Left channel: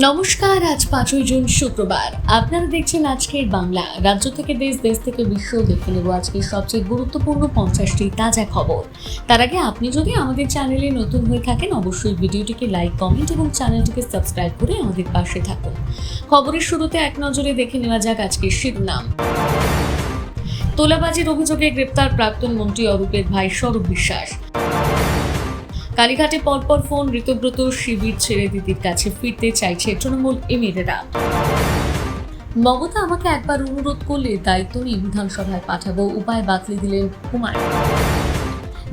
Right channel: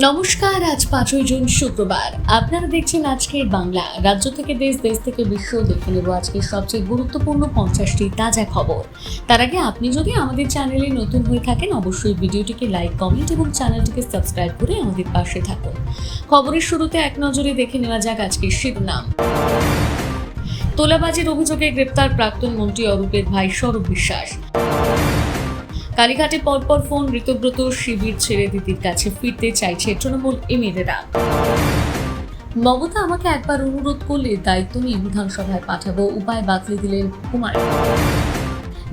নমস্কার। আজ 5ই জুন শুক্রবার। আপনারা দেখছেন আজকের বাংলা। রাজ্য থেকে দেশ, দেশ থেকে বিশ্ব দেখে নেব আজকের সবচেয়ে গুরুত্বপূর্ণ 50টি তাজা খবর। তার আগে আপনি যদি আমাদের চ্যানেলে নতুন হয়ে থাকেন অবশ্যই ভিডিওটিকে লাইক, কমেন্ট এবং চ্যানেলটিকে সাবস্ক্রাইব করে আমাদের পাশে থাকুন। খবরের শুরুতে এক নজরে দেখে নেওয়া যাক আজকের শিরোনাম। তোলাবাজির অভিযোগে গ্রেপ্তার প্রাক্তন মন্ত্রী অরূপের ভাই স্বরূপ বিশ্বাস। কালীঘাটে পরপর ফোন, ঋতব্রত শিবির ছেড়ে দিদির কাছে ফিরতে চাইছে তৃণমূল এমএলএরা। মমতা আমাকে একবার অনুরোধ করলে দায়িত্ব নিয়ে বিধানসভায় পাঠাবো, উপায় বাতলে দিলেন হুমায়ুন।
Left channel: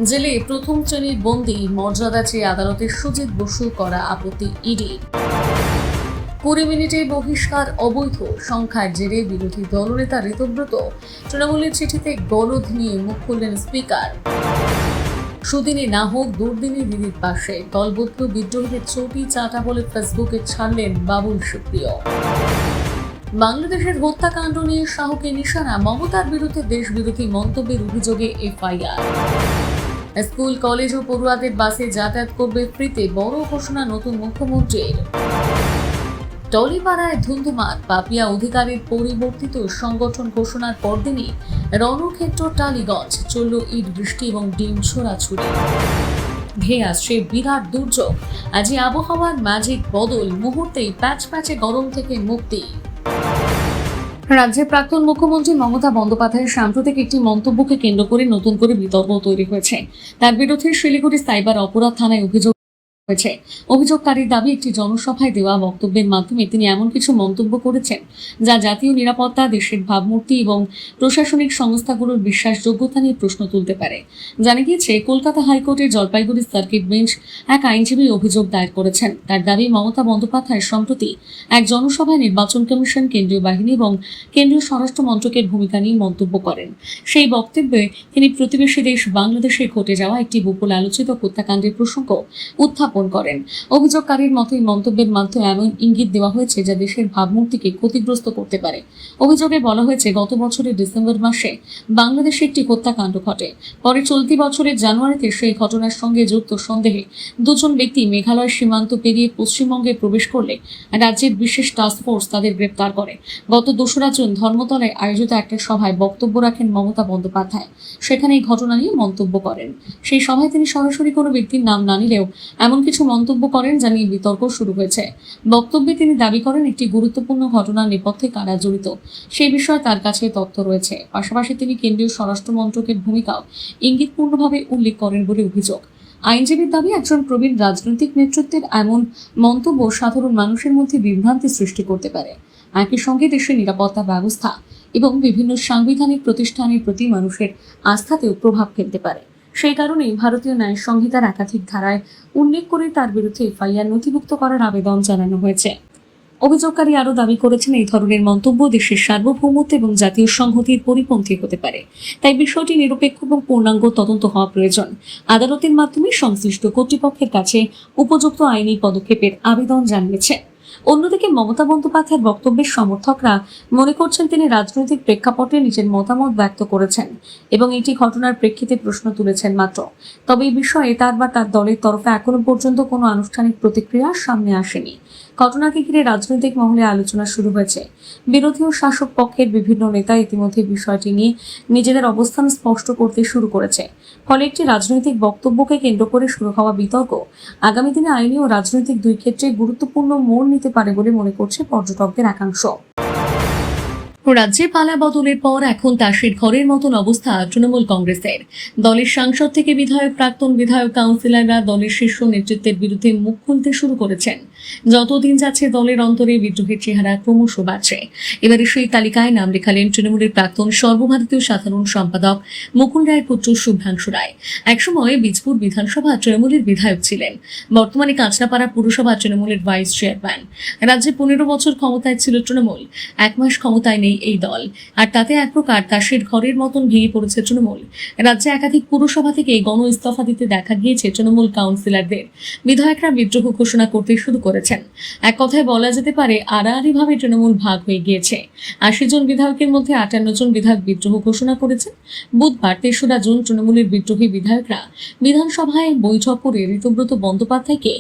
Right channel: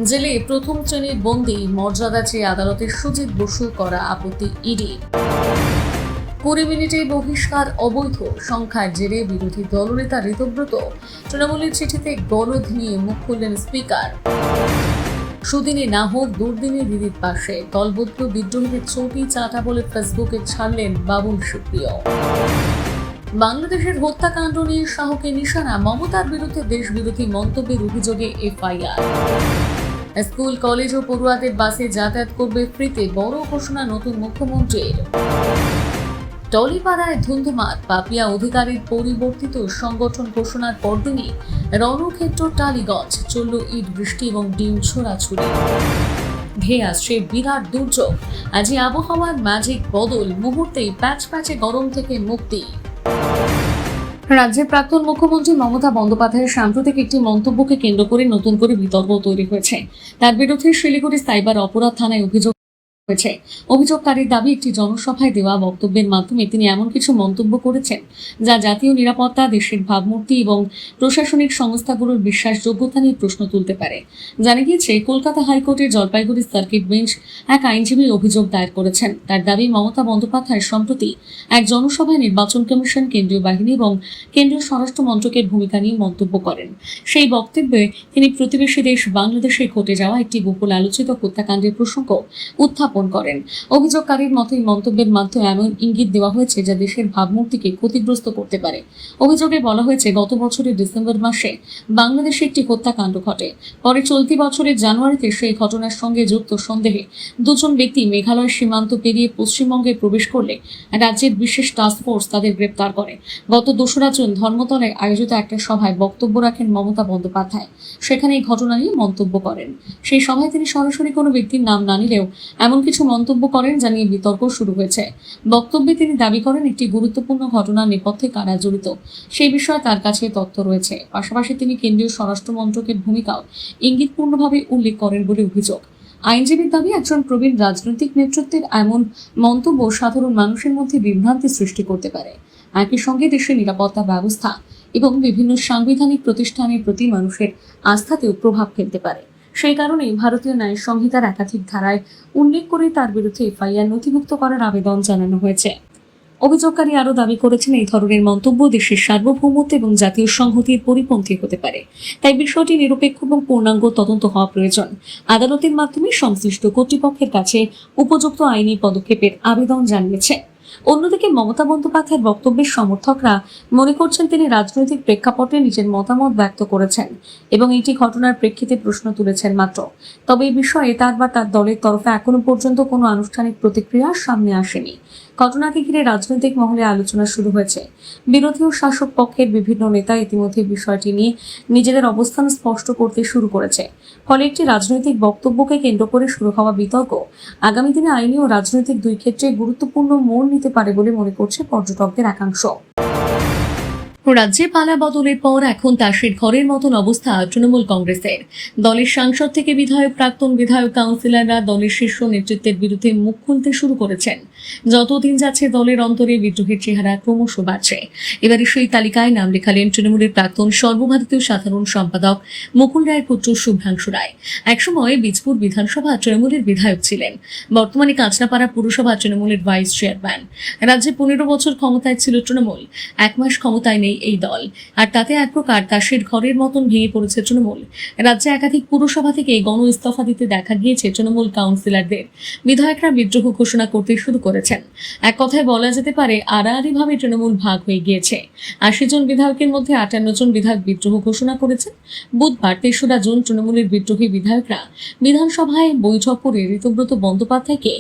জেলে প্রথম শ্রেণীর বন্দী মর্যাদা চেয়ে আদালতে সুজিত বসু করা আপত্তি ইডির। 20 মিনিটে বহিষ্কার অবৈধ, সংখ্যার জেরে বিরোধী দলনেতা ঋতব্রত। তৃণমূলের চিঠিতে গলদ নিয়ে মুখ খুললেন স্পিকার। সুদিনে না হোক দুর্দিনে দিদির পাশে, দলবদ্ধ বিদ্রোহীদের চটি চাটা বলে ফেসবুকে ছাড়লেন বাবুল সুপ্রিয়। বাংলাদেশের হত্যাকাণ্ড নিয়ে শাহকে নিশানা, মমতার বিরুদ্ধে দেশবিরোধী মন্তব্যের অভিযোগে এফআইআর। স্কুল কলেজ ও পড়ুয়াদের বাসে যাতায়াত করবে ফ্রিতে, বড় ঘোষণা নতুন মুখ্যমন্ত্রীর। টলিপাড়ায় ধুন্ধুমার, পাপিয়া অধিকারীর পরিবর্তিত সংগঠন ঘোষণার পরদিনই রণক্ষেত্র টালিগঞ্জ, চলল ইট বৃষ্টি এবং ডিম ছোড়াছুড়ি। ধেয়ে আসছে বিরাট দুর্যোগ, আজই আবহাওয়ার ম্যাজিক বদল, মুহূর্তেই প্যাচে গরম থেকে মুক্তি। রাজ্যের প্রাক্তন মুখ্যমন্ত্রী মমতা বন্দ্যোপাধ্যায়ের সাম্প্রতিক একটি মন্তব্যকে কেন্দ্র করে নতুন করে বিতর্ক তৈরি হয়েছে। তার বিরুদ্ধে শিলিগুড়ি সাইবার অপরাধ থানায় অভিযোগ হয়েছে। অভিযোগকারীর দাবি, একটি জনসভায় দেওয়া বক্তব্যের মাধ্যমে তিনি এমন কিছু মন্তব্য করেছেন যা জাতীয় নিরাপত্তা, দেশের ভাবমূর্তি এবং প্রশাসনিক সংস্থাগুলোর বিশ্বাসযোগ্যতা নিয়ে প্রশ্ন তুলতে পারে। জানা গিয়েছে, কলকাতা হাইকোর্টের জলপাইগুড়ি সার্কিট বেঞ্চ এক আইনজীবী অভিযোগ দায়ের করেছেন। তার দাবি, মমতা বন্দ্যোপাধ্যায় সম্প্রতি এক জনসভায় নির্বাচন কমিশন, কেন্দ্রীয় বাহিনী এবং কেন্দ্রীয় স্বরাষ্ট্র মন্ত্রকের ভূমিকা নিয়ে মন্তব্য করেন। সেই বক্তব্যে তিনি প্রতিবেশী দেশ বাংলাদেশে ঘটে যাওয়া একটি বহুল আলোচিত হত্যাকাণ্ডের প্রসঙ্গ উত্থাপন করেন। অভিযোগকারীর মতে মন্তব্যের মাধ্যমে এমন ইঙ্গিত দেওয়া হয়েছে যা দেশের ভাবমূর্তিকে ক্ষতিগ্রস্ত করতে পারে। অভিযোগে বলা হয়েছে, গত বছরের ডিসেম্বর মাসে বাংলাদেশে একটি হত্যাকাণ্ড ঘটে। পরে চলতি বছরের জানুয়ারিতে সেই ঘটনার সঙ্গে যুক্ত সন্দেহে দুজন ব্যক্তি মেঘালয় সীমান্ত পেরিয়ে পশ্চিমবঙ্গে প্রবেশ করলে রাজ্যের বিশেষ টাস্কফোর্স তাদের গ্রেপ্তার করে। গত 2রা জুন ধর্মতলায় আয়োজিত একটা সভায় বক্তব্য রাখেন মমতা বন্দ্যোপাধ্যায়। সেখানে এই ঘটনা নিয়ে মন্তব্য করেন। সেই সভায় তিনি সরাসরি কোনো ব্যক্তির নাম না নিলেও এমন কিছু মন্তব্য করেন যা নিয়ে বিতর্ক শুরু হয়েছে। বক্তব্যে তিনি দাবি করেন, একটি গুরুত্বপূর্ণ ঘটনার নেপথ্যে কারা জড়িত সেই বিষয়ে তার কাছে তথ্য রয়েছে। পাশাপাশি তিনি কেন্দ্রীয় স্বরাষ্ট্র মন্ত্রকের ভূমিকাও ইঙ্গিতপূর্ণভাবে উল্লেখ করেন বলে অভিযোগ। আইনজীবীর দাবি, একজন প্রবীণ রাজনৈতিক নেতৃত্বের এমন মন্তব্য সাধারণ মানুষের মধ্যে বিভ্রান্তি সৃষ্টি করতে পারে। একই সঙ্গে দেশের নিরাপত্তা ব্যবস্থা এবং বিভিন্ন সাংবিধানিক প্রতিষ্ঠানের প্রতি মানুষের আস্থাতেও প্রভাব ফেলতে পারে। সেই কারণেই ভারতীয় ন্যায় সংহিতার একাধিক ধারায় উল্লেখ করে তার বিরুদ্ধে এফআইআর নথিভুক্ত করার আবেদন জানানো হয়েছে। অভিযোগকারী আরও দাবি করেছেন, এই ধরনের মন্তব্য দেশের সার্বভৌমত্ব এবং জাতীয় সংহতির পরিপন্থী হতে পারে। তাই বিষয়টি নিরপেক্ষ এবং পূর্ণাঙ্গ তদন্ত হওয়া প্রয়োজন। আদালতের মাধ্যমে সংশ্লিষ্ট কর্তৃপক্ষের কাছে উপযুক্ত আইনি পদক্ষেপের আবেদন জানিয়েছে। অন্যদিকে মমতা বন্দ্যোপাধ্যায়ের বক্তব্যের সমর্থকরা মনে করছেন, তিনি রাজনৈতিক প্রেক্ষাপটে নিজের মতামত ব্যক্ত করেছেন এবং এটি ঘটনার প্রেক্ষিতে প্রশ্ন তুলেছেন মাত্র। তবে এই বিষয়ে তার বা তার দলের তরফে এখনো পর্যন্ত কোনো আনুষ্ঠানিক প্রতিক্রিয়া সামনে আসেনি। ঘটনাকে ঘিরে রাজনৈতিক মহলে আলোচনা শুরু হয়েছে। বিরোধী ও শাসক পক্ষের বিভিন্ন নেতা ইতিমধ্যে বিষয়টি নিয়ে নিজেদের অবস্থান স্পষ্ট করতে শুরু করেছে। ফলে একটি রাজনৈতিক বক্তব্যকে কেন্দ্র করে শুরু হওয়া বিতর্ক আগামী দিনে আইনি ও রাজনৈতিক দুই ক্ষেত্রে গুরুত্বপূর্ণ মোড় নিতে পারে বলে মনে করছে পর্যটকদের একাংশ। রাজ্যে পালা বদলের পর এখন তাসের ঘরের মতন অবস্থা তৃণমূল কংগ্রেসের। দলের সাংসদ থেকে বিধায়ক, প্রাক্তন বিধায়ক, কাউন্সিলররা দলের শীর্ষ নেতৃত্বের বিরুদ্ধে মুখ খুলতে শুরু করেছেন। যতদিন যাচ্ছে দলের অন্তরে বিদ্রোহের চেহারা ক্রমশ বাড়ছে। এবারে সেই তালিকায় নাম লেখালেন তৃণমূলের প্রাক্তন সর্বভারতীয় সাধারণ সম্পাদক মুকুল রায়ের পুত্র শুভ্রাংশু রায়। একসময় বীজপুর বিধানসভা তৃণমূলের বিধায়ক ছিলেন, বর্তমানে কাঁচনাপাড়া পুরসভা তৃণমূলের ভাইস চেয়ারম্যান। রাজ্যে 15 বছর ক্ষমতায় ছিল তৃণমূল। 1 মাস ক্ষমতায় নেই এই দল, আর তাতে এক প্রকার তাসের ঘরের মতন ভেঙে পড়েছে তৃণমূল। রাজ্যে একাধিক পুরসভা থেকে গণ ইস্তফা দিতে দেখা গিয়েছে তৃণমূল কাউন্সিলরদের। বিধায়করা বিদ্রোহ ঘোষণা করতে শুরু করেছেন। এক কথায় বলা যেতে পারে আড়াআড়ি ভাবে তৃণমূল ভাগ হয়ে গিয়েছে। ৮০ জন বিধায়কের মধ্যে ৫৮ জন বিধায়ক বিদ্রোহ ঘোষণা করেছেন। বুধবার ৩রা জুন তৃণমূলের বিদ্রোহী বিধায়করা বিধানসভায় বৈঠক করে ঋতব্রত বন্দ্যোপাধ্যায়কে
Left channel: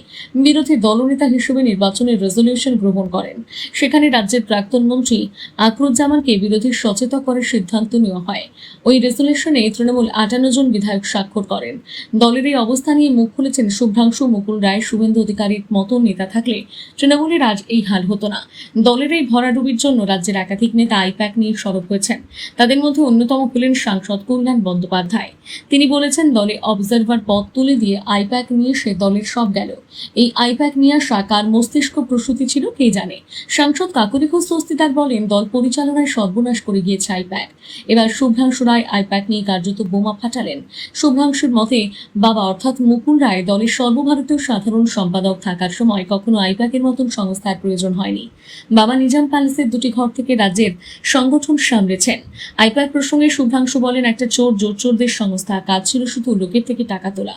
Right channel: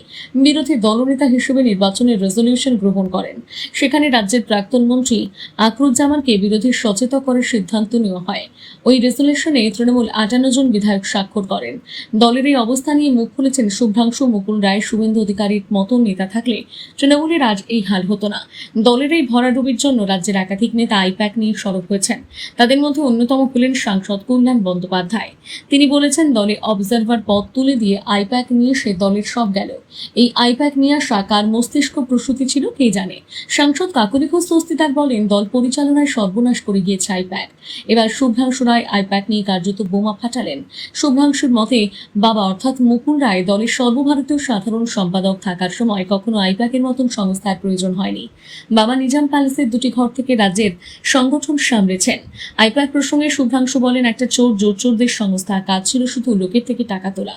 বিরোধী দলনেতা হিসেবে নির্বাচনের রেজলিউশন গ্রহণ করেন। সেখানে রাজ্যের প্রাক্তন মন্ত্রী আকরুজ্জামানকে বিরোধী সচেতন করার সিদ্ধান্ত নেওয়া হয়। ওই রেজলিউশনে তৃণমূল ৫৮ জন বিধায়ক স্বাক্ষর করেন। দলের এই অবস্থা নিয়ে মুখ খুলেছেন শুভ্রাংশু, মুকুল রায়, শুভেন্দু অধিকারীর মতো নেতা থাকলে তৃণমূলের আজ এই হাল হতো না। দলের এই ভরাডুবির জন্য রাজ্যের একাধিক নেতা আইপ্যাক নিয়ে সরব হয়েছেন। তাদের মধ্যে অন্যতম হলেন সাংসদ কল্যাণ বন্দ্যোপাধ্যায়। তিনি বলেছেন, দলে অবজারভার পদ তুলে দিয়ে আইপ্যাক নিয়ে সে দলের সব গেল। এই আইপ্যাক নিয়ে আসা কার মস্তিষ্ক প্রসূতি ছিল কে জানে। সাংসদ কাকুলি ঘোষ দস্তিদার বলেন, দল পরিচালনায় সর্বনাশ করে গিয়েছে আইপ্যাক। এবার শুভ্রাংশু রায় আইপ্যাক নিয়ে কার্যত বোমা ফাটালেন। শুভ্রাংশুর মতে, বাবা অর্থাৎ মুকুল রায় দলের সর্বভারতীয় সাধারণ সম্পাদক থাকার সময় কখনো আইপ্যাকের মতন সংস্থার প্রয়োজন হয়নি। বাবা নিজাম প্যালেসের দুটি ঘর থেকে রাজ্যের সংগঠন সামলেছেন। আইপ্যাক প্রসঙ্গে শুভ্রাংশু বলেন, একটা চোর জোরচোরদের সংস্থা, কাজ ছিল শুধু লোকের থেকে টাকা তোলা।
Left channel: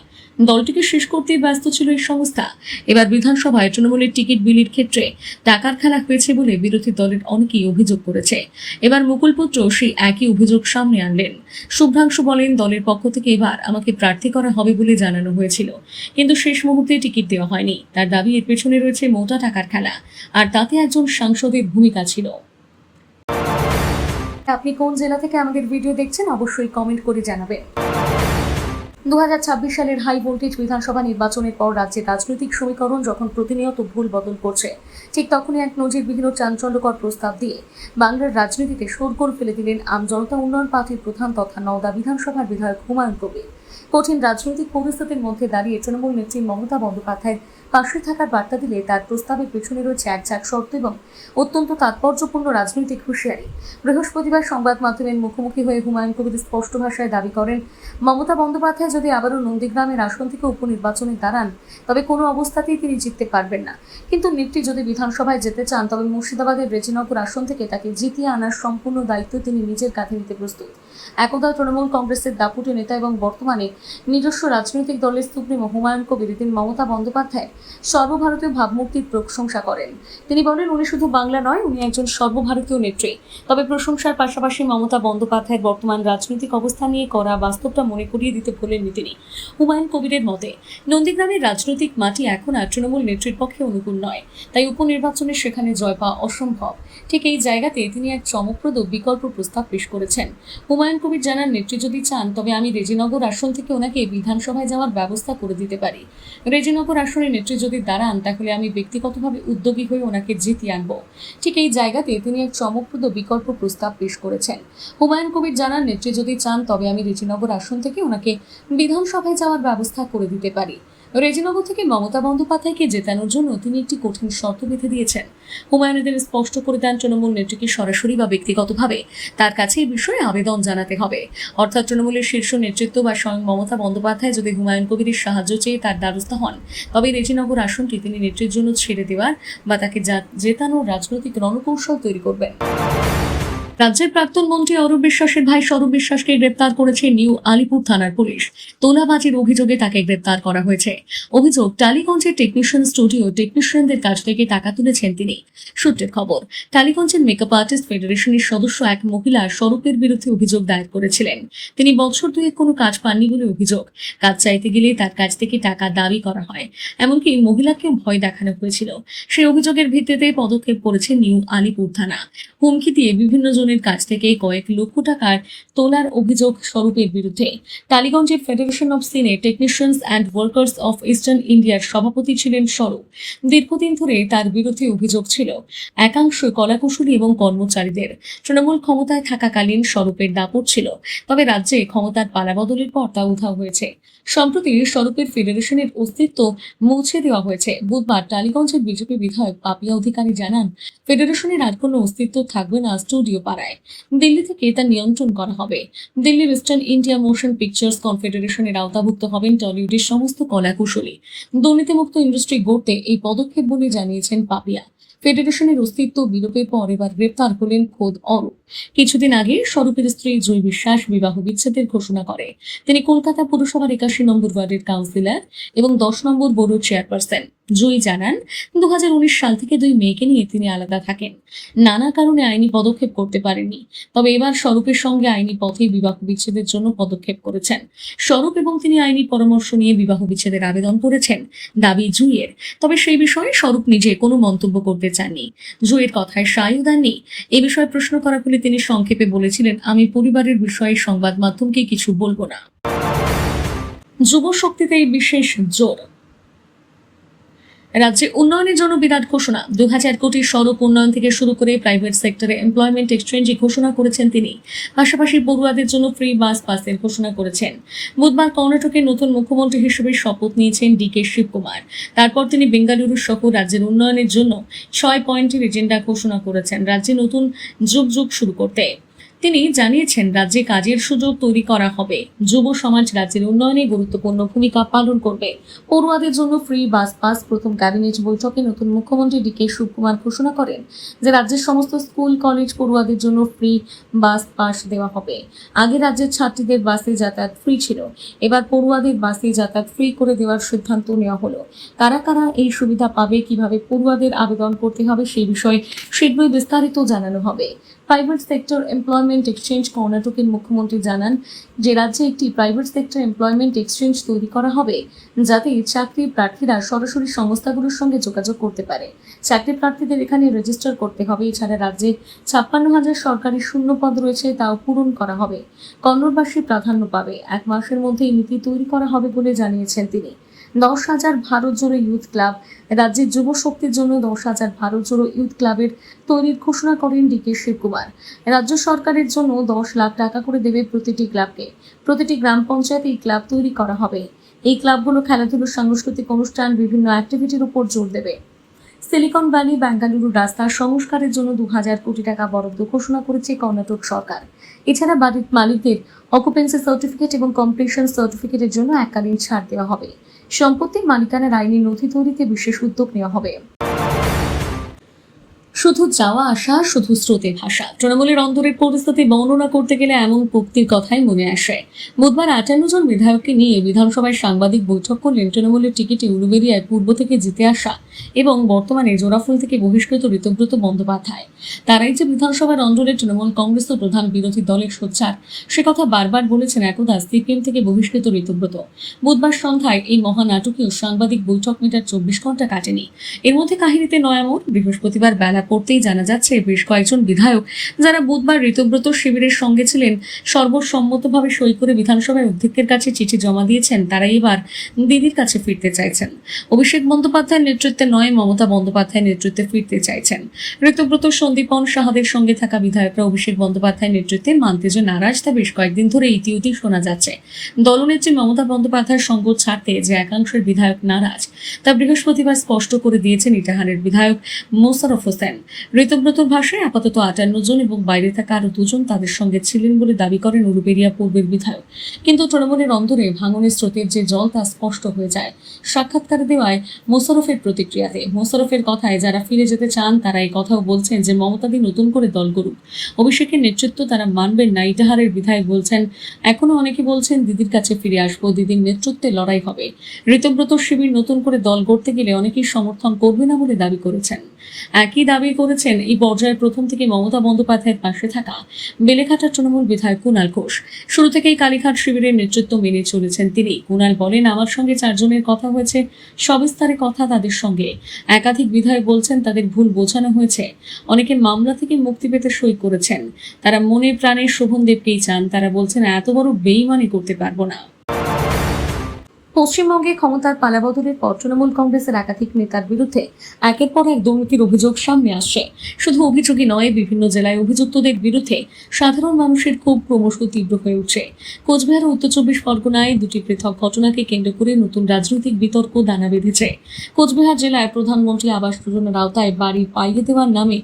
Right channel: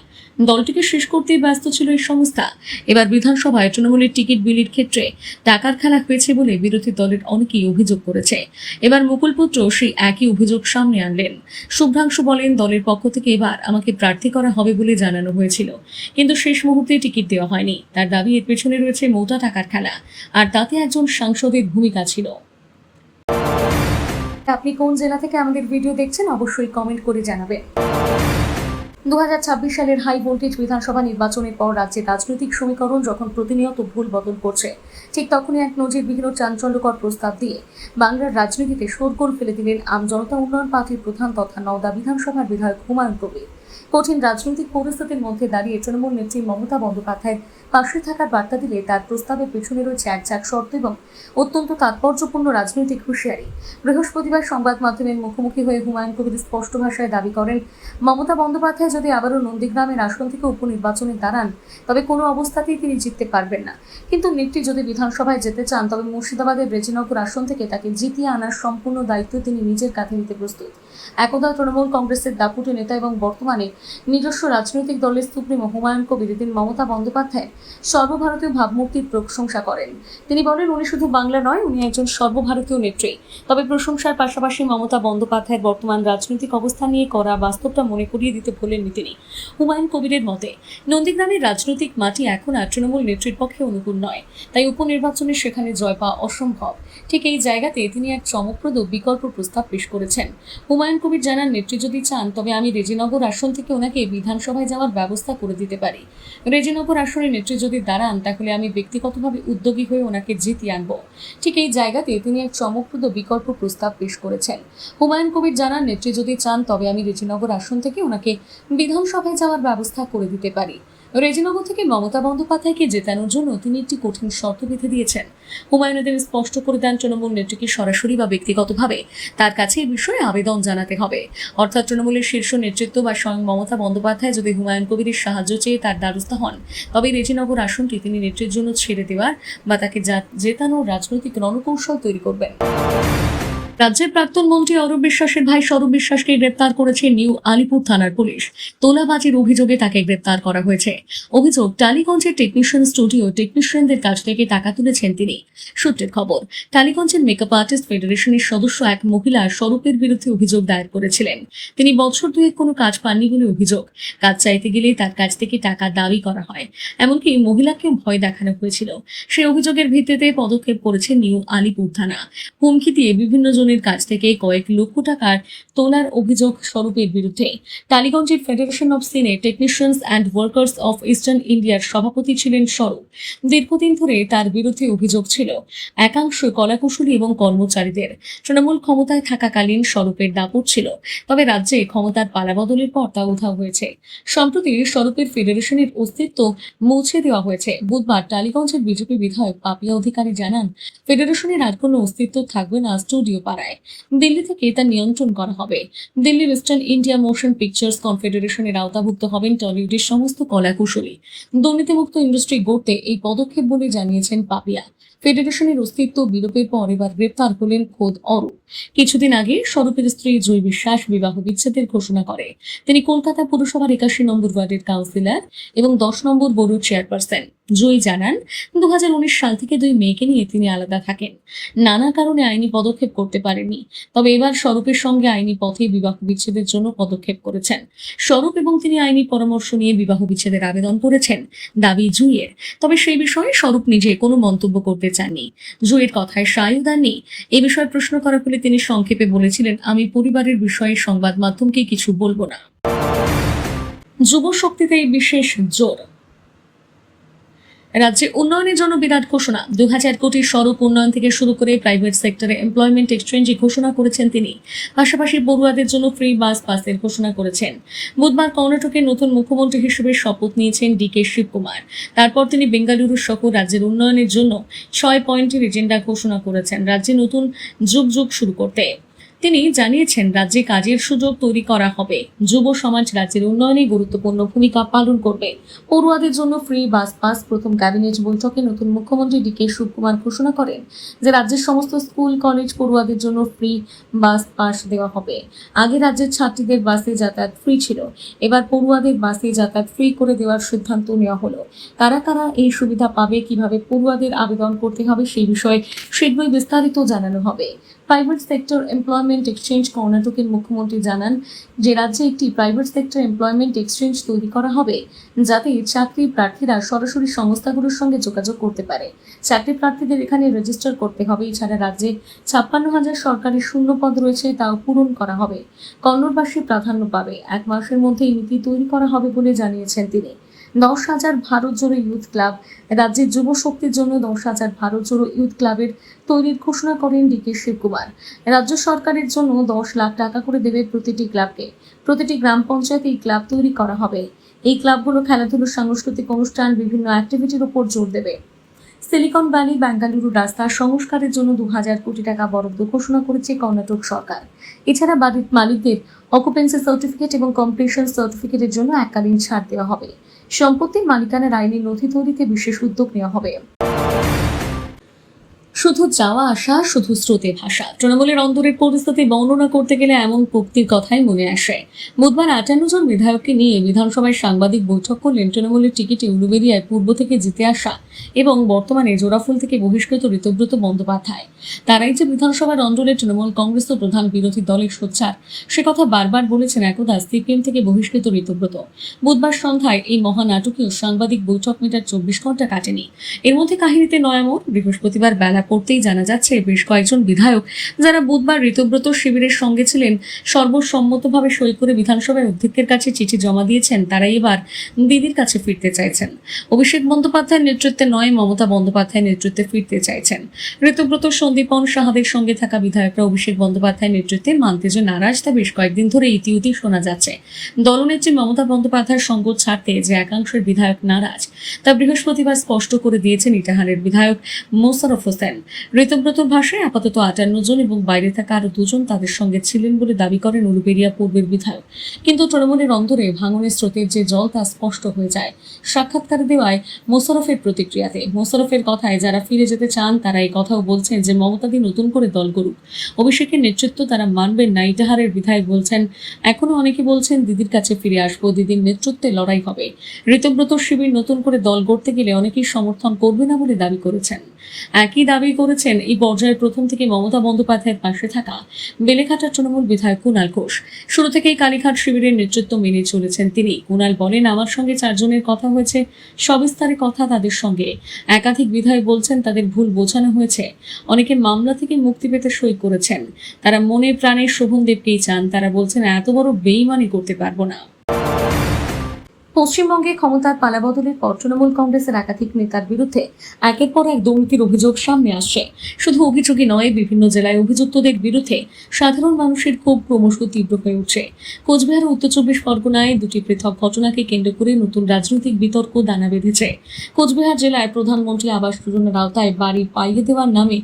দলটিকে শেষ করতেই ব্যস্ত ছিল এই সংস্থা। এবার বিধানসভায় তৃণমূলের টিকিট বিলির ক্ষেত্রে টাকার খেলা হয়েছে বলে বিরোধী দলের অনেকেই অভিযোগ করেছে। এবার মুকুল পুত্র সেই একই অভিযোগ সামনে আনলেন। শুভ্রাংশু বলেন, দলের পক্ষ থেকে এবার আমাকে প্রার্থী করা হবে বলে জানানো হয়েছিল, কিন্তু শেষ মুহূর্তে টিকিট দেওয়া হয়নি। তার দাবি, এর পেছনে রয়েছে মোটা টাকার খেলা, আর তাতে একজন সাংসদের ভূমিকা ছিল। আপনি কোন জেলা থেকে আমাদের ভিডিও দেখছেন অবশ্যই কমেন্ট করে জানাবেন। 2026 সালের হাই ভোল্টেজ বিধানসভা নির্বাচনের পর রাজ্যের রাজনৈতিক সমীকরণ যখন প্রতিনিয়ত ভুল বদল করছে, ঠিক তখনই এক নজিরবিহীন চাঞ্চল্যকর প্রস্তাব দিয়ে বাংলার রাজনীতিতে শোরগোল ফেলে দিলেন আম জনতা উন্নয়ন পার্টির প্রধান তথা নওদা বিধানসভার বিধায়ক হুমায়ুন কবির। কঠিন রাজনৈতিক পরিস্থিতির মধ্যে দাঁড়িয়ে তৃণমূল নেত্রী মমতা বন্দ্যোপাধ্যায়ের পাশে থাকার বার্তা দিলে তার প্রস্তাবের পেছনে রয়েছে এক ঝাঁক শর্ত এবং অত্যন্ত তাৎপর্যপূর্ণ রাজনৈতিক হুঁশিয়ারি। বৃহস্পতিবার সংবাদ মাধ্যমের মুখোমুখি হয়ে হুমায়ুন কবির স্পষ্ট ভাষায় দাবি করেন, মমতা বন্দ্যোপাধ্যায় যদি আবারও নন্দীগ্রামের আসন থেকে উপনির্বাচনে দাঁড়ান তবে কোনো অবস্থাতেই তিনি জিততে পারবেন না। কিন্তু নেত্রী যদি বিধানসভায় যেতে চান তবে মুর্শিদাবাদের রেজিনগর আসন থেকে তাকে জিতিয়ে আনার সম্পূর্ণ দায়িত্ব তিনি নিজের কাঁধে নিতে প্রস্তুত। একদা তৃণমূল কংগ্রেসের দাপুটে নেতা এবং বর্তমানে নিজস্ব রাজনৈতিক দলের সুপ্রিমো হুমায়ুন কবির দিন মমতা বন্দ্যোপাধ্যায়ের সর্বভারতীয় ভাবমূর্তির প্রশংসা করেন। তিনি বলেন, উনি শুধু বাংলা নয়, উনি একজন সর্বভারতীয় নেত্রী। তবে প্রশংসার পাশাপাশি মমতা বন্দ্যোপাধ্যায়ের বর্তমান রাজনৈতিক অবস্থা নিয়ে করা বাস্তবটা মনে করিয়ে দিতে ভুলেননি তিনি। হুমায়ুন কবিরের মতে, নন্দীগ্রামের রাজনৈতিক মাটি এখন আর তৃণমূল নেত্রীর পক্ষে অনুকূল নয়, তাই উপনির্বাচনে সেখানে জয় পাওয়া অসম্ভব। ঠিক এই জায়গাতে তিনি এক চমকপ্রদ বিকল্প প্রস্তাব পেশ করেছেন। হুমায়ুন কবির জানান, নেত্রী যদি চান তবে আমি রেজিনগর আসন থেকে ওনাকে বিধানসভায় যাওয়ার ব্যবস্থা করে দিতে পারি। রেজিনগর আসনে নেত্রী যদি দাঁড়ান তাহলে আমি ব্যক্তিগতভাবে উদ্যোগী হয়ে ওনাকে জিতিয়ে আনবো। ঠিক এই জায়গাতে তিনি এক চমকপ্রদ বিকল্প প্রস্তাব পেশ করেছেন। হুমায়ুন কবির জানান, নেত্রী যদি চান তবে আমি রেজিনগর আসন থেকে ওনাকে বিধানসভায় যাওয়ার ব্যবস্থা করে দিতে পারি। রেজিনগর থেকে মমতা বন্দ্যোপাধ্যায়কে জেতানোর জন্য তিনি একটি কঠিন শর্ত বেঁধে দিয়েছেন। হুমায়ুন এদিন স্পষ্ট করে দেন, তৃণমূল নেত্রীকে সরাসরি বা ব্যক্তিগতভাবে তার কাছে এই বিষয়ে আবেদন জানাতে হবে। অর্থাৎ তৃণমূলের শীর্ষ নেতৃত্ব বা স্বয়ং মমতা বন্দ্যোপাধ্যায় যদি হুমায়ুন কবিরের সাহায্য চেয়ে তার দ্বারস্থ হন তবে রেজিনগর আসনটি তিনি নেত্রীর জন্য ছেড়ে দেওয়ার বা তাকে জেতানোর রাজনৈতিক রণকৌশল তৈরি করবেন। রাজ্যের প্রাক্তন মন্ত্রী অরূপ বিশ্বাসের ভাই স্বরূপ বিশ্বাসকে গ্রেপ্তার করেছে নিউ আলিপুর থানার পুলিশ। তোলাবাজির অভিযোগে তাকে গ্রেপ্তার করা হয়েছে। অভিযোগ, টালিগঞ্জের টেকনিশিয়ান স্টুডিও টেকনিশিয়ানদের কাছ থেকে টাকা তুলেছেন তিনি। সূত্রের খবর, টালিগঞ্জের মেকআপ আর্টিস্ট ফেডারেশনের সদস্য এক মহিলা স্বরূপের বিরুদ্ধে অভিযোগ দায়ের করেছিলেন। তিনি বছর দুয়েক কোনো কাজ পাননি বলে অভিযোগ। কাজ চাইতে গেলে তার কাছ থেকে টাকা দাবি করা হয়, এমনকি মহিলাকেও ভয় দেখানো হয়েছিল। সেই অভিযোগের ভিত্তিতে পদক্ষেপ করেছে নিউ আলিপুর থানা। হুমকি দিয়ে বিভিন্ন জনের কাছ থেকে কয়েক লক্ষ টাকার তোলার অভিযোগ স্বরূপের বিরুদ্ধে। টালিগঞ্জের federation of cine technicians and workers of eastern ইন্ডিয়ার সভাপতি ছিলেন স্বরূপ। দীর্ঘদিন ধরে তার বিরুদ্ধে অভিযোগ ছিল একাংশ কলাকুশলী এবং কর্মচারীদের তৃণমূল ক্ষমতায় থাকাকালীন স্বরূপের দাপট ছিল, তবে রাজ্যে ক্ষমতার পালাবদলের পর তা উধাও হয়েছে। সম্প্রতি স্বরূপের ফেডারেশনের অস্তিত্ব মুছে দেওয়া হয়েছে। বুধবার টালিগঞ্জের বিজেপি বিধায়ক পাপিয়া অধিকারী জানান, ফেডারেশনের আর কোনো অস্তিত্ব থাকবে না স্টুডিও পাড়ায়। করায় দিল্লি থেকে তা নিয়ন্ত্রণ করা হবে। দিল্লির ইস্টার্ন ইন্ডিয়া মোশন পিকচার্স কনফেডারেশনের আওতাভুক্ত হবেন টলিউডের সমস্ত কলাকুশলী। দুর্নীতিমুক্ত ইন্ডাস্ট্রি গড়তে এই পদক্ষেপ বলে জানিয়েছেন পাপিয়া। ফেডারেশনের অস্তিত্ব বিলোপের পর এবার গ্রেপ্তার হলেন খোদ অরূপ। কিছুদিন আগে স্বরূপের স্ত্রী জয় বিশ্বাস বিবাহ বিচ্ছেদের ঘোষণা করে। তিনি কলকাতা পুরসভার 81 নম্বর ওয়ার্ডের কাউন্সিলর এবং 10 নম্বর বোর্ডের চেয়ারপারসন। জয় জানান, 2019 সাল থেকে দুই মেয়েকে নিয়ে তিনি আলাদা থাকেন। নানা কারণে আইনি পদক্ষেপ করতে পারেননি। তবে এবার স্বরূপের সঙ্গে আইনি পথে বিবাহ বিচ্ছেদের জন্য পদক্ষেপ করেছেন। স্বরূপ এবং তিনি আইনি পরামর্শ নিয়ে বিবাহ বিচ্ছেদের আবেদন করেছেন, দাবি জুইয়ের। তবে সেই বিষয়ে স্বরূপ নিজে কোনো মন্তব্য করতে চাননি। জুইয়ের কথায় সায়ও দেননি। এ বিষয়ে প্রশ্ন করা হলে তিনি সংক্ষেপে বলেছিলেন, আমি পরিবারের বিষয়ে সংবাদ মাধ্যমকে কিছু বলবো না। যুব শক্তিতে বিশেষ জোর। রাজ্যে উন্নয়নের জন্য বিরাট ঘোষণা। 2000 কোটি সড়ক উন্নয়ন থেকে শুরু করে প্রাইভেট সেক্টরে এমপ্লয়মেন্ট এক্সচেঞ্জের ঘোষণা করেছেন তিনি। পাশাপাশি পড়ুয়াদের জন্য ফ্রি বাস পাসের ঘোষণা করেছেন। বুধবার কর্ণাটকের নতুন মুখ্যমন্ত্রী হিসেবে শপথ নিয়েছেন ডিকে শিবকুমার। তারপর তিনি বেঙ্গালুরু সহ রাজ্যের উন্নয়নের জন্য 6 পয়েন্টের এজেন্ডা ঘোষণা করেছেন রাজ্যে নতুন যুগ শুরু করতে। তিনি জানিয়েছেন, রাজ্যে কাজের সুযোগ তৈরি করা হবে। যুব সমাজ রাজ্যের উন্নয়নে গুরুত্বপূর্ণ ভূমিকা পালন করবে। পড়ুয়াদের জন্য ফ্রি বাস পাস। প্রথম ক্যাবিনেট বৈঠকে নতুন মুখ্যমন্ত্রী ডিকে শিবকুমার ঘোষণা করেন যে রাজ্যের সমস্ত স্কুল কলেজ পড়ুয়াদের জন্য ফ্রি বাস পাস দেওয়া হবে। আগে রাজ্যের ছাত্রীদের বাসে যাতায়াত ফ্রি ছিল, এবার পড়ুয়াদের বাসে যাতায়াত ফ্রি করে দেওয়ার সিদ্ধান্ত নেওয়া হলো। কারা কারা এই সুবিধা পাবে, কিভাবে পড়ুয়াদের আবেদন করতে হবে সেই বিষয়ে শীঘ্রই বিস্তারিত জানানো হবে। Private sector employment exchange. কর্ণাটকের মুখ্যমন্ত্রী জানান যে রাজ্যে একটি প্রাইভেট সেক্টর এমপ্লয়মেন্ট এক্সচেঞ্জ তৈরি করা হবে, যাতে চাকরি প্রার্থীরা সরাসরি সংস্থাগুলোর সঙ্গে যোগাযোগ করতে পারে। চাকরি প্রার্থীদের এখানে রেজিস্টার করতে হবে। এছাড়া রাজ্যে 56,000 সরকারি শূন্য পদ রয়েছে, তাও পূরণ করা হবে। কন্নড়বাসী প্রাধান্য পাবে। 1 মাসের মধ্যে এই নীতি তৈরি করা হবে বলে জানিয়েছেন তিনি। 10,000 ভারত জোড়ো ইউথ ক্লাব। রাজ্যের যুব শক্তির জন্য 10,000 ভারত জোড়ো ইউথ ক্লাবের তৈরির ঘোষণা করেন ডিকে শিবকুমার। রাজ্য সরকারের জন্য 10 লাখ টাকা করে দেবে প্রতিটি ক্লাবকে। প্রতিটি গ্রাম পঞ্চায়েতে এই ক্লাব তৈরি করা হবে। এই ক্লাবগুলো খেলাধুলো, সাংস্কৃতিক অনুষ্ঠান, বিভিন্ন অ্যাক্টিভিটির উপর জোর দেবে। সিলিকন ভ্যালি বেঙ্গালুরু রাস্তার সংস্কারের জন্য 2000 কোটি টাকা বরাদ্দ ঘোষণা করেছে কর্ণাটক সরকার। এছাড়া বাড়ির মালিকদের অকুপেন্সি সার্টিফিকেট এবং কমপ্লিশন সার্টিফিকেটের জন্য এককালীন ছাড় দেওয়া হবে। সম্পত্তির মালিকানার আইনি নথি তৈরিতে বিশেষ উদ্যোগ নেওয়া হবে। শুধু যাওয়া আসা, শুধু স্রোতে ভাষা। তৃণমূলের অন্তরের পরিস্থিতি বর্ণনা করতে গেলে এমন উক্তির কথাই মনে আসে। বুধবার 58 জন বিধায়ককে নিয়ে বিধানসভায় সাংবাদিক বৈঠক করলেন তৃণমূলের টিকিটে উলুবেড়িয়ায় পূর্ব থেকে জিতে আসা এবং বর্তমানে জোড়াফুল থেকে বহিষ্কৃত ঋতব্রত বন্দ্যোপাধ্যায়। তারাই যে বিধানসভার অঞ্চলে তৃণমূল কংগ্রেস ও প্রধান বিরোধী দলের সোচ্চার, সে কথা বারবার বলেছেন একদা সিপিএম থেকে বহিষ্কৃত ঋতব্রত। বুধবার সন্ধ্যায় এই মহানাটকীয় সাংবাদিক বৈঠক মিটার 24 ঘন্টা কাটেনি। এর মধ্যে কাহিনীতে নয়া মোড়। বৃহস্পতিবার বেলা পড়তেই জানা যাচ্ছে বেশ কয়েকজন বিধায়ক যারা বুধবার ঋতব্রত শিবিরের সঙ্গে ছিলেন সর্বসম্মতভাবে সই করে বিধানসভার অধ্যক্ষের কাছে চিঠি জমা দিয়েছেন। তারাই এবার দিদির কাছে ফিরতে চাইছেন। অভিষেক বন্দ্যোপাধ্যায়ের নেতৃত্বে নয়, মমতা বন্দ্যোপাধ্যায়ের নেতৃত্বে ফিরতে চাইছেন। ঋতব্রত, সন্দীপন সাহাদের সঙ্গে থাকা বিধায়করা অভিষেক বন্দ্যোপাধ্যায়ের নেতৃত্বে মানতে যে নারাজ, তা বেশ কয়েকদিন ধরে ইতিউতি শোনা যাচ্ছে। দলনেত্রী মমতা বন্দ্যোপাধ্যায়ের সঙ্গ ছাড়তে যে একাংশের বিধায়ক নারাজ, তা বৃহস্পতিবার স্পষ্ট করে দিয়েছেন ইটাহারের বিধায়ক মোশাররফ হোসেন। ঋতব্রতর ভাষায় আপাতত 58 জন এবং বাইরে থাকা আরো 2 জন তাদের সঙ্গে ছিলেন বলে দাবি করেন উলুবেড়িয়া পূর্বের বিধায়ক। কিন্তু তৃণমূলের অন্তরে ভাঙনের স্রোতের যে জল, তা স্পষ্ট হয়ে যায় সাক্ষাৎকারে দেওয়ায় মোশাররফের প্রতিক্রিয়াতে। মোশাররফের কথায় যারা ফিরে যেতে চান তারা এই কথাও বলছেন যে মমতাদি নতুন করে দল করুক, অভিষেকের নেতৃত্ব তারা মানবেন না। ইটাহারের বিধায়ক বলছেন, এখনো অনেকে বলছেন দিদির কাছে ফিরে আসবো, দিদির নেতৃত্বে লড়াই হবে। ঋতব্রত শিবির নতুন করে দল গড়তে গেলে অনেকেই সমর্থন করবে না বলে দাবি করেছেন। একই দাবি করেছেন এই পর্যায়ে প্রথম থেকে মমতা বন্দ্যোপাধ্যায়ের পাশে থাকা বেলেঘাটার তৃণমূল বিধায়ক কুণাল ঘোষ। শুরু থেকেই কালীঘাট শিবিরের নেতৃত্ব মেনে চলেছেন তিনি। কুণাল বলেন, আমার সঙ্গে 4 জনের কথা হয়েছে, সবিস্তারে কথা তাদের সঙ্গে। একাধিক বিধায়ক বলছেন তাদের ভুল বোঝানো হয়েছে। অনেকে মামলা থেকে মুক্তি পেতে সই করেছেন। তারা মনে প্রাণে শোভনদেবকেই চান। তারা বলছেন এত বড় বেইমানি করতে পারবো না। পশ্চিমবঙ্গে ক্ষমতার পালাবদলের পর তৃণমূল কংগ্রেসের একাধিক নেতার বিরুদ্ধে একের পর এক দুর্নীতির অভিযোগ সামনে আসছে। শুধু অভিযোগই নয়, বিভিন্ন জেলায় অভিযুক্তদের বিরুদ্ধে সাধারণ মানুষের ক্ষোভ ক্রমশ তীব্র হয়ে উঠছে। কোচবিহার ও উত্তর 24 পরগনায় দুটি পৃথক ঘটনাকে কেন্দ্র করে নতুন রাজনৈতিক বিতর্ক দানা বেঁধেছে। কোচবিহার জেলায় প্রধানমন্ত্রী আবাস যোজনার আওতায় বাড়ি পাইয়ে দেওয়ার নামে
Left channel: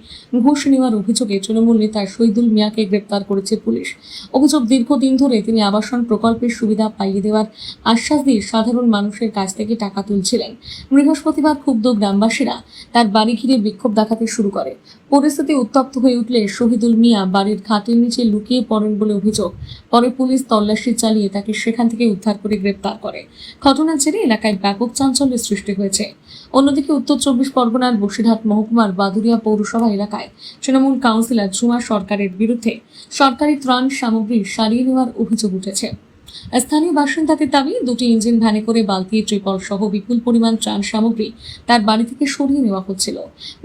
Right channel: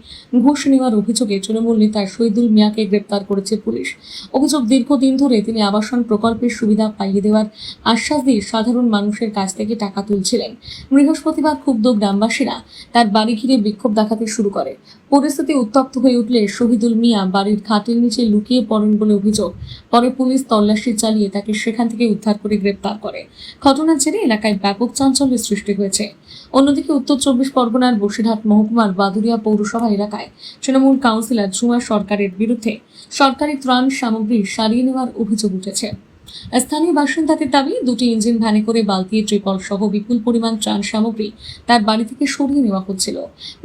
ঘুষ নেওয়ার অভিযোগে তৃণমূল নেতা শহীদুল মিয়াকে গ্রেপ্তার করেছে পুলিশ। অভিযোগ, দীর্ঘদিন ধরে তিনি আবাসন প্রকল্পের সুবিধা পাইয়ে দেওয়ার আশ্বাস দিয়ে সাধারণ মানুষের কাছ থেকে টাকা তুলছিলেন। বৃহস্পতিবার ক্ষুব্ধ গ্রামবাসীরা তার বাড়ি ঘিরে বিক্ষোভ দেখাতে শুরু করে। পরিস্থিতি উত্তপ্ত হয়ে উঠলে শহীদুল মিয়া বাড়ির খাটের নিচে লুকিয়ে পড়েন বলে অভিযোগ। পরে পুলিশ তল্লাশি চালিয়ে তাকে সেখান থেকে উদ্ধার করে গ্রেপ্তার করে। ঘটনার জেরে এলাকায় ব্যাপক চাঞ্চল্যের সৃষ্টি হয়েছে। অন্যদিকে উত্তর 24 পরগনার বসিরহাট মহকুমার বাদুরিয়া পৌরসভা এলাকায় তৃণমূল কাউন্সিলর ঝুমা সরকারের বিরুদ্ধে সরকারি ত্রাণ সামগ্রী সারিয়ে নেওয়ার অভিযোগ উঠেছে। স্থানীয় বাসিন্দাদের দাবি, দুটি ইঞ্জিন ভ্যানে করে বালতি, ট্রিপল সহ বিপুল পরিমাণ ত্রাণ সামগ্রী তার বাড়ি থেকে সরিয়ে নেওয়া হচ্ছিল।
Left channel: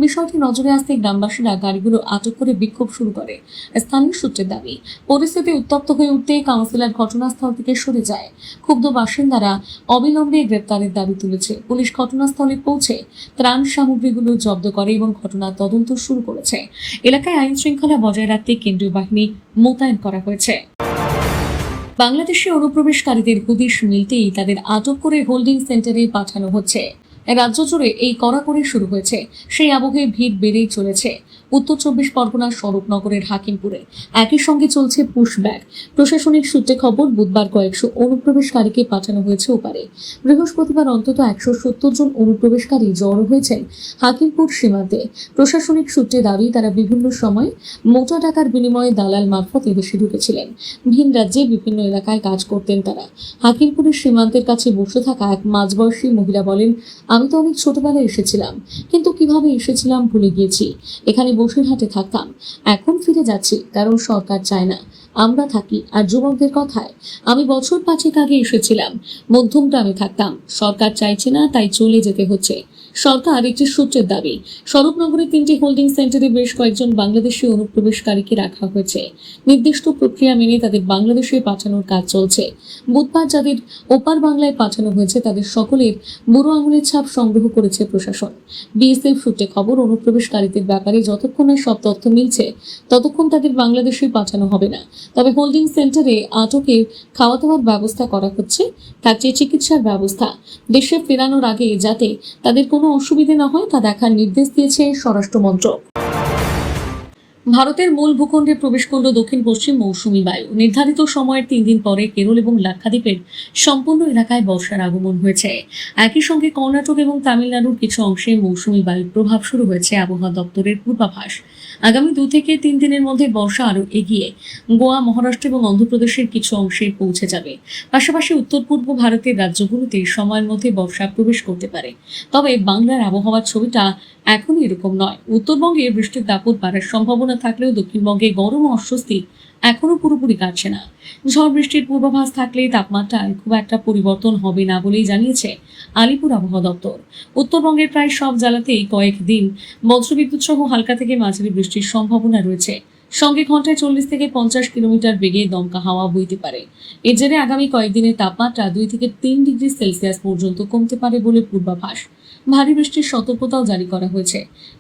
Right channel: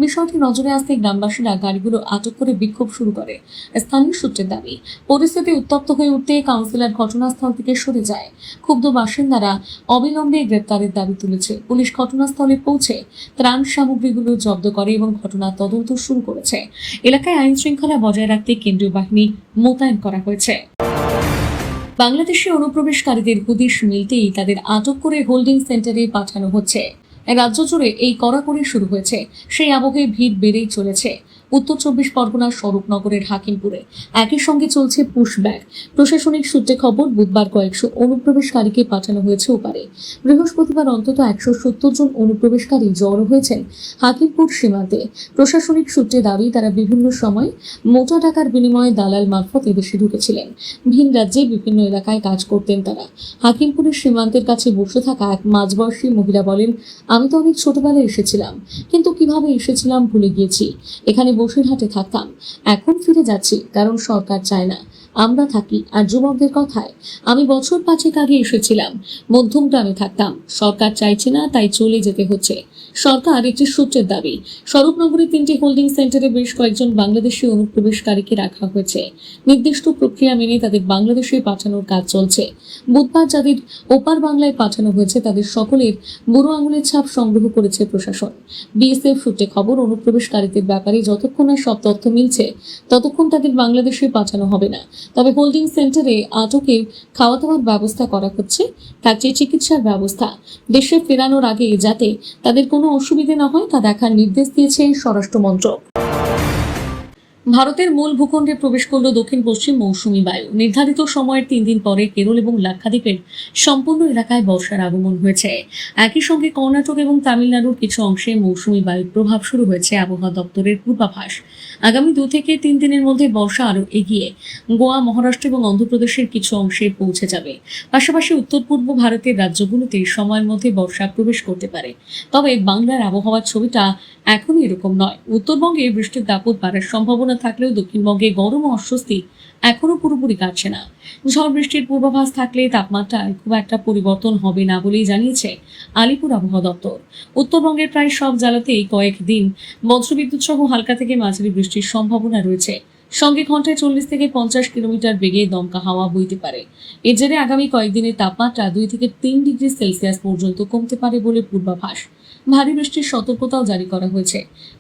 বিষয়টি নজরে আসতে গ্রামবাসীরা গাড়িগুলো আটক করে বিক্ষোভ শুরু করে। স্থানীয় সূত্রের দাবি, পরিস্থিতি উত্তপ্ত হয়ে উঠতে কাউন্সিলর ঘটনাস্থল থেকে সরে যায়। ক্ষুব্ধ বাসিন্দারা অবিলম্বে গ্রেপ্তারের দাবি তুলেছে। পুলিশ ঘটনাস্থলে পৌঁছে ত্রাণ সামগ্রীগুলো জব্দ করে এবং ঘটনার তদন্ত শুরু করেছে। এলাকায় আইন শৃঙ্খলা বজায় রাখতে কেন্দ্রীয় বাহিনী মোতায়েন করা হয়েছে। বাংলাদেশে অনুপ্রবেশকারীদের হদিশ মিলতেই তাদের আটক করে হোল্ডিং সেন্টারে পাঠানো হচ্ছে। রাজ্য জুড়ে এই কড়াকড়ি শুরু হয়েছে। সেই আবহে ভিড় বেড়েই চলেছে উত্তর 24 পরগনার স্বরূপনগরের হাকিমপুরে। একই সঙ্গে চলছে পুশব্যাক। প্রশাসনিক সূত্রে খবর, বুধবার কয়েকশো অনুপ্রবেশকারীকে পাঠানো হয়েছে ওপারে। বৃহস্পতিবার অন্তত 170 জন অনুপ্রবেশকারী জড়ো হয়েছেন হাকিমপুর সীমান্তে। প্রশাসনিক সূত্রে দাবি, তারা বিভিন্ন সময় মোটা টাকার বিনিময়ে দালাল মারফত এদেশে ঢুকেছিলেন। ভিন রাজ্যে বিভিন্ন এলাকায় কাজ করতেন তারা। হাকিমপুরের সীমান্তের কাছে বসে থাকা এক মাঝবয়সী মহিলা বলেন, আমি তো অনেক ছোটবেলায় এসেছিলাম, কিন্তু কিভাবে এসেছিলাম ভুলে গিয়েছি। এখানে বসিরহাটে থাকতাম, এখন ফিরে যাচ্ছি, কারণ সরকার চায় না আমরা থাকি। আর যুবকদের কথায়, আমি বছর 5 আগে এসেছিলাম, মধ্যমগ্রামে থাকতাম, সরকার চাইছে না, তাই চলে যেতে হচ্ছে। সরকার একটি সূত্রের দাবি, স্বরূপনগরে 3টি হোল্ডিং সেন্টারে বেশ কয়েকজন বাংলাদেশি অনুপ্রবেশকারীকে রাখা হয়েছে। নির্দিষ্ট প্রক্রিয়া মেনে তাদের বাংলাদেশে পাঠানোর কাজ চলছে। বুধবার যাদের ওপার বাংলায় পাঠানো হয়েছে তাদের সকলের বুড়ো আঙুলের ছাপ সংগ্রহ করেছে প্রশাসন। বিএসএফ সূত্রে খবর, অনুপ্রবেশকারীদের ব্যাপারে যতক্ষণ না সব তথ্য মিলছে ততক্ষণ তাদের বাংলাদেশে পাঠানো হবে না। তবে হোল্ডিং সেন্টারে আটকে খাওয়া দাওয়ার ব্যবস্থা করা হচ্ছে, থাকছে চিকিৎসার ব্যবস্থা। দেশে ফেরানোর আগে যাতে তাদের কোনো অসুবিধা না হয় তা দেখার নির্দেশ দিয়েছে স্বরাষ্ট্র মন্ত্রক। ভারতের মূল ভূখণ্ডে প্রবেশ করল দক্ষিণ পশ্চিম মৌসুমী বায়ু। নির্ধারিত সময়ের 3 দিন পরে কেরল এবং লাক্ষাদ্বীপের সম্পূর্ণ এলাকায় বর্ষার আগমন হয়েছে। একই সঙ্গে কর্ণাটক এবং তামিলনাড়ুর কিছু অংশে মৌসুমী বায়ুর প্রভাব শুরু হয়েছে। আবহাওয়া দপ্তরের পূর্বাভাস, আগামী 2 থেকে 3 দিনের মধ্যে বর্ষা আরো এগিয়ে গোয়া, মহারাষ্ট্র এবং অন্ধ্রপ্রদেশের কিছু অংশে পৌঁছে যাবে। পাশাপাশি উত্তর পূর্ব ভারতের রাজ্যগুলোতে সময়ের মধ্যে বর্ষা প্রবেশ করতে পারে। তবে বাংলার আবহাওয়ার ছবিটা এখনই এরকম নয়। উত্তরবঙ্গে বৃষ্টির দাপট বাড়ার সম্ভাবনা থাকলেও দক্ষিণবঙ্গে গরম ও অস্বস্তি এখনো পুরোপুরি কাটছে না। ঝড় বৃষ্টির পূর্বাভাস থাকলে তাপমাত্রায় খুব একটা পরিবর্তন হবে না বলেই জানিয়েছে আলিপুর আবহাওয়া দপ্তর। উত্তরবঙ্গের প্রায় সব জেলাতেই কয়েকদিন বজ্রবিদ্যুৎ সহ হালকা থেকে মাঝারি বৃষ্টির সম্ভাবনা রয়েছে। সঙ্গে ঘন্টায় 40 থেকে 50 কিলোমিটার বেগে দমকা হাওয়া বইতে পারে। এর জেরে আগামী কয়েকদিনের তাপমাত্রা 2 থেকে 3 ডিগ্রি সেলসিয়াস পর্যন্ত কমতে পারে বলে পূর্বাভাস। ভারী বৃষ্টির সতর্কতাও জারি করা হয়েছে।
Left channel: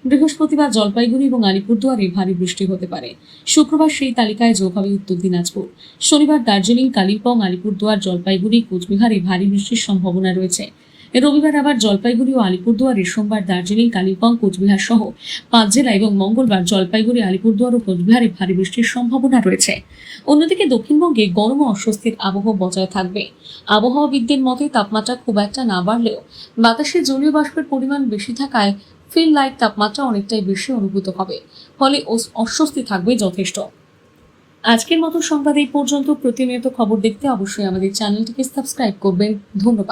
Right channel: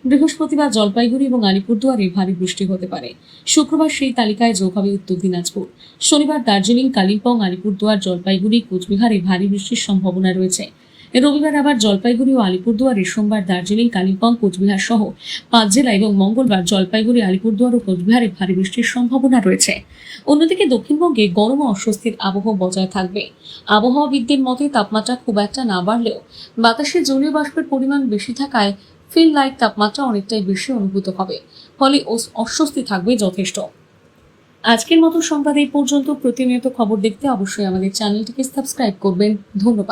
বৃহস্পতিবার জলপাইগুড়ি এবং আলিপুরদুয়ারে ভারী বৃষ্টি হতে পারে। শুক্রবার সেই তালিকায় যোগ হবে উত্তর দিনাজপুর। শনিবার দার্জিলিং, কালিম্পং, আলিপুরদুয়ার, জলপাইগুড়ি, কোচবিহারে ভারী বৃষ্টির সম্ভাবনা রয়েছে। রবিবার আবার জলপাইগুড়ি ও আলিপুরদুয়ারে, সোমবার দার্জিলিং, কালিম্পং, কোচবিহার সহ 5 জেলা এবং মঙ্গলবার জলপাইগুড়ি, আলিপুরদুয়ার ও কোচবিহারে ভারী বৃষ্টির সম্ভাবনা রয়েছে। অন্যদিকে দক্ষিণবঙ্গে গরম ও অস্বস্তির আবহাওয়া বজায় থাকবে। আবহাওয়াবিদদের মতে তাপমাত্রা খুব একটা না বাড়লেও বাতাসে জলীয় বাষ্পের পরিমাণ বেশি থাকায় ফিল লাইট তাপমাত্রা অনেকটাই বেশি অনুভূত হবে, ফলে অস্বস্তি থাকবে যথেষ্ট। আজকের মতো সংবাদ এই পর্যন্ত। প্রতিনিয়ত খবর দেখতে অবশ্যই আমাদের চ্যানেলটিকে সাবস্ক্রাইব করবেন। ধন্যবাদ।